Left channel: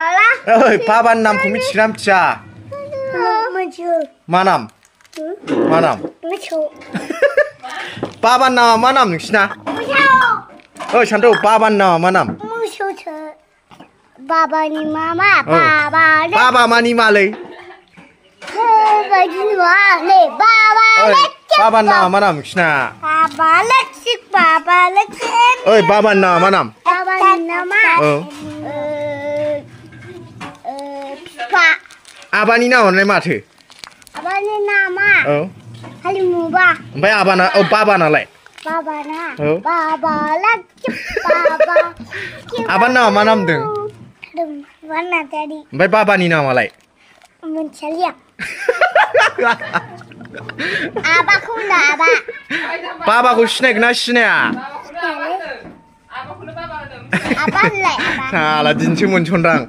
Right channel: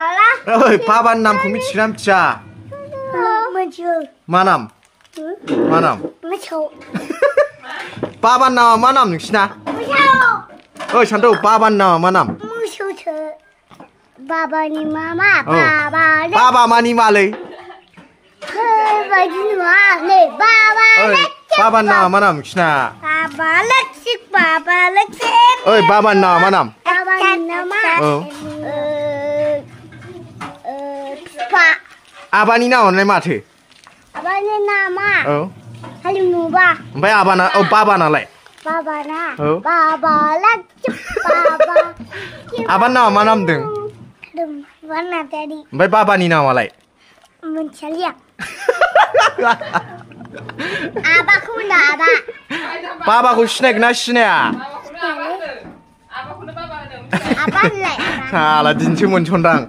ओइ बाबानि नामखौ मिथिगोना मिथिया? मा नाम? मा नाम? बाबानि नामा मा नाम नोंसिना? ओइ सान्थौ बाबानि नामा मा नाम? बाबानि मामा बाबा मानि मालै? बाबानि नामा मा नाम नोंसिना? ओइ बाबानि नामा मा नाम? आबानि नामालाय माथो? आबानि नामा हालिमुबा। ओमफ्राय आबाना बाबानालाय? बाबाना आबानि नामा मा नाम दों? ओमफ्राय बाबानि नामालाय? मोनथिया। आबाखौ होनो आबा। बाबाखौ सिनायगोना सिनाया? आबा होनलाय आबा। साला दिनैसो मोनसनदां।